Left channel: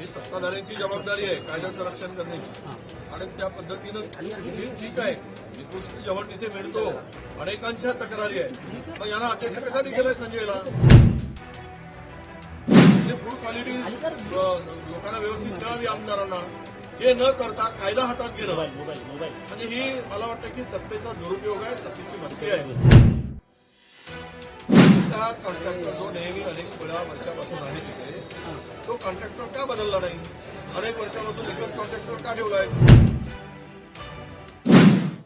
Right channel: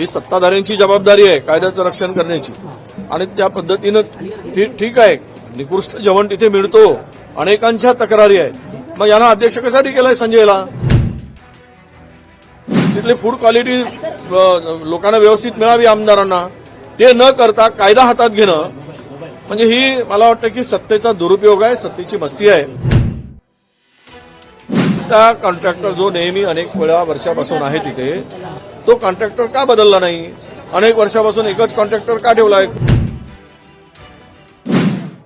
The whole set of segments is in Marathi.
ही सत्ताधाऱ्यांची जबाबदारी आहे कायद्याचं रक्षण करण्याची. आणि त्या पद्धतीनं ठीक आहे निकृष्ट जेवण तिथे मिळतो. अनेकांच्या तक्रारी आहे मग यांना अध्यक्ष कशासाठी केलंय संजयला? तिथली फूड क्वालिटी लोकांना व्यवस्थित मिळावी आमदारांना. ते न करता कायदा हातात घेणं. म्हणजे ही मला वाटतं की सत्तेचा दुरुपयोग आहे सत्तेची मस्ती आहे. त्या कॉन्ट्रॅक्टर जो नेहमी अनेक वेळा वर्षापासून आहे तिथे तो कॉन्ट्रॅक्टर का बदलला नाही? अनेक वर्षापासून एकच कॉन्ट्रॅक्टर का ठेवलाय?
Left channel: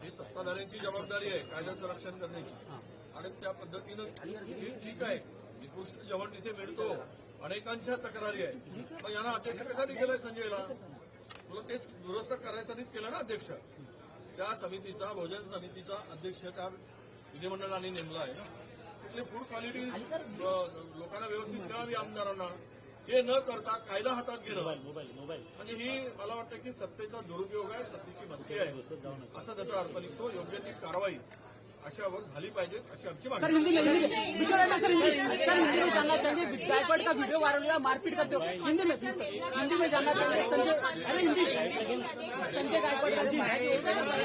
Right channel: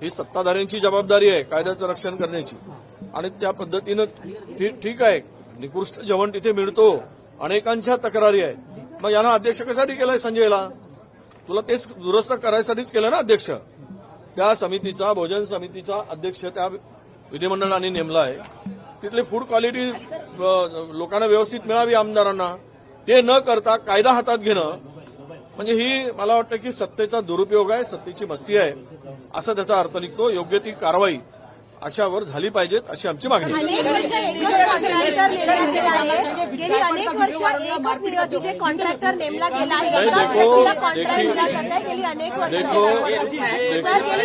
ही सत्ताधाऱ्यांची जबाबदारी आहे कायद्याचं रक्षण करण्याची. आणि त्या पद्धतीनं ठीक आहे निकृष्ट जेवण तिथे मिळतो. अनेकांच्या तक्रारी आहे. मग यांना अध्यक्ष कशासाठी केलाय संजयला? तुला तेच दुरुस्त करायसाठीच केलं ना अध्यक्ष? त्या समितीचा भोजन समितीचा अध्यक्ष त्या विधिमंडळाने नेमला आहे. तिथली फूड क्वालिटी लोकांना व्यवस्थित मिळावी आमदारांना. ते न करता कायदा हातात घेणं म्हणजे ही मला वाटतं की सत्तेचा दुरुपयोग आहे सत्तेची मस्ती आहे असा त्याचा अर्थ निघतो. योग्य ती कारवाई अशावर झाली पाहिजेत अशी आमची मागणी आहे. अनेक वर्ष एकच कॉन्ट्रॅक्टर नेमला गेला आहे अनेक वर्ष एकच कॉन्ट्रॅक्टर नेमला गेला आहे. नाही, एकाच देखो, व्यक्तीला कॉन्ट्रॅक्ट देखी- दिला जात आहे गेली अनेक वर्ष. देखो, सर, गेली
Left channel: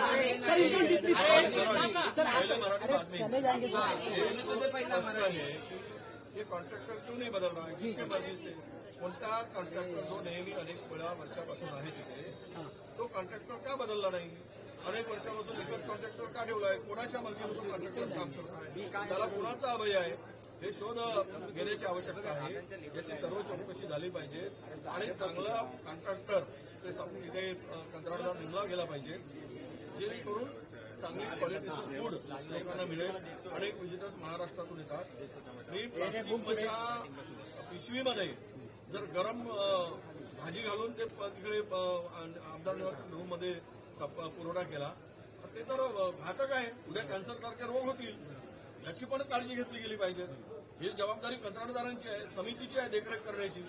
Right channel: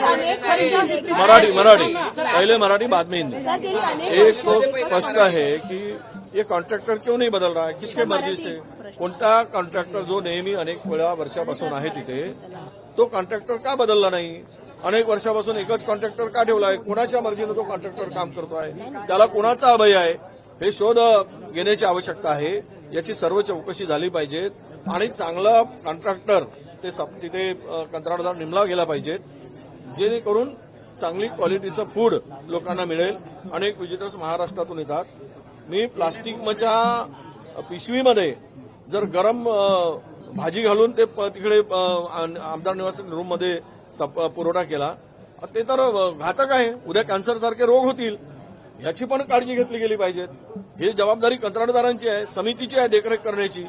अनेक वर्ष. एक- मराठी मराठी पहले मराठी बाद में हिंदी. सर गेली अनेक एक तो स्पष्ट है कि ये कॉन्ट्रॅक्टर क्यों नहीं बदल रहा है? किसके मर्जी से? कोणता कॉन्ट्रॅक्टर जो नेहमी अनेक वेळा वर्षापासून आहे तिथे तो कॉन्ट्रॅक्टर का बदलला नाही? अनेक वर्षापासून एकच कॉन्ट्रॅक्टर का ठेवलाय कोणाच्या मर्जीनं तो कॉन्ट्रॅक्टर काम करतोय? त्याला कोणाचा अभय आहे? हे शोध घेण्याची आवश्यकता आहे. याची सर्व चौकशी झाली पाहिजे. आणि चांगला कॉन्ट्रॅक्टर ते सप- तिथे कंत्राटदार नेमला गेला पाहिजेत जेणेकरून चांगली क्वालिटीचं फूड लोकांना मिळेल. अनेक विजिटर्स महाराष्ट्रातून येतात. मी प्लास्टिकच्या पिशवीमध्ये जर गरम भाजी घालून ते प- तिकडे आम- आमदार निवास रूममध्ये सप- पुरवठा केला. ते तर घातक आहे. उद्या कॅन्सर सारखे रोग होतील. याची पण काळजी घेतली गेली पाहिजे. ही जबाबदारी कंत्राटदारांची आहे समितीची आहे देखरेख करण्याची.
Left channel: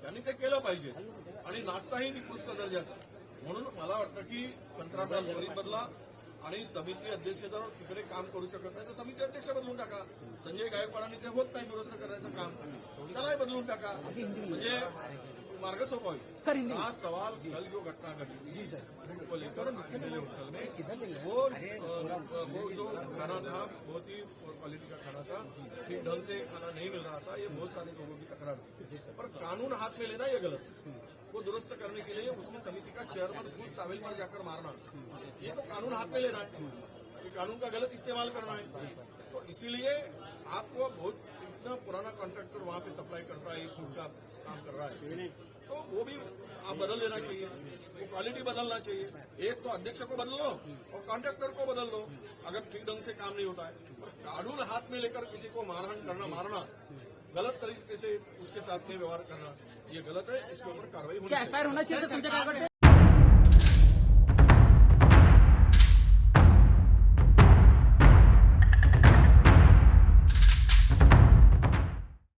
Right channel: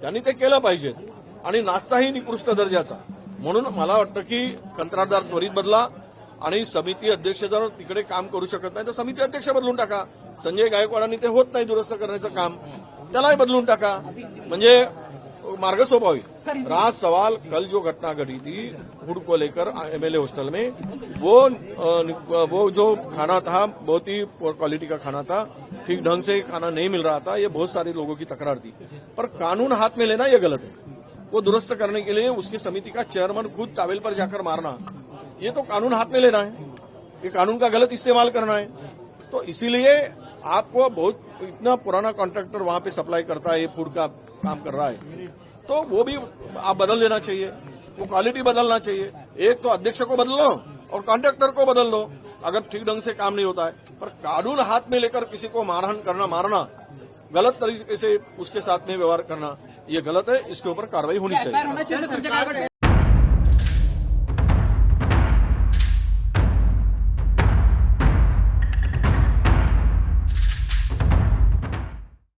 त्यांनी ते केलं पाहिजे. आणि नाश्ताही निकृष्ट दर्जाचा. म्हणून मला वाटतं की कंत्राटदार त्वरित बदला आणि समिती अध्यक्ष जर तिकडे काम करू शकत नाही तर समिती अध्यक्ष बदलून टाका. संजय गायकवाडांनी ते होत नाही दुरुस्त करण्याचं काम. त्यालाही बदलून टाका. म्हणजे मार्ग सोपा रात सवाल कल जो घटना घटी थी फ़ूड को लेकर एमएलए हॉस्टल में वो वो जो खाना था बहुत ही क्वालिटी का खाना था ठीक ढंग से खाना नहीं मिल रहा था ये बहुत सारे लोगों की तकरार थी। पर कानून हाथ में लेना ये गलत है। वो दुरुस्त करने के लिए उसकी समिति का चेयरमैन खुद टावेल पर जाकर मारना ये तो कानून हाथ में लेना है। ये कानून का गलत इस्तेमाल करना है। तो इसीलिए आपको बहुत इतना पुराना कॉन्ट्रैक्टर वहाँ पे सप्लाई करता है ये फ़ूड का काम कर रहा है। तो वो भी आप बदल लेना चाहिए। वो क्वालिटी बदलना चाहिए। एक तो अध्यक्ष को बदल लो और कॉन्ट्रेक्टर को बदल लो। अगर ठीक ढंग से काम नहीं होता है पर कानून हाथ में लेकर किसी को मारहन करना मारना गलत तरीके से उसके साथ में व्यवहार करना ये गलत है। इसके ऊपर कार्रवाई होनी चाहिए।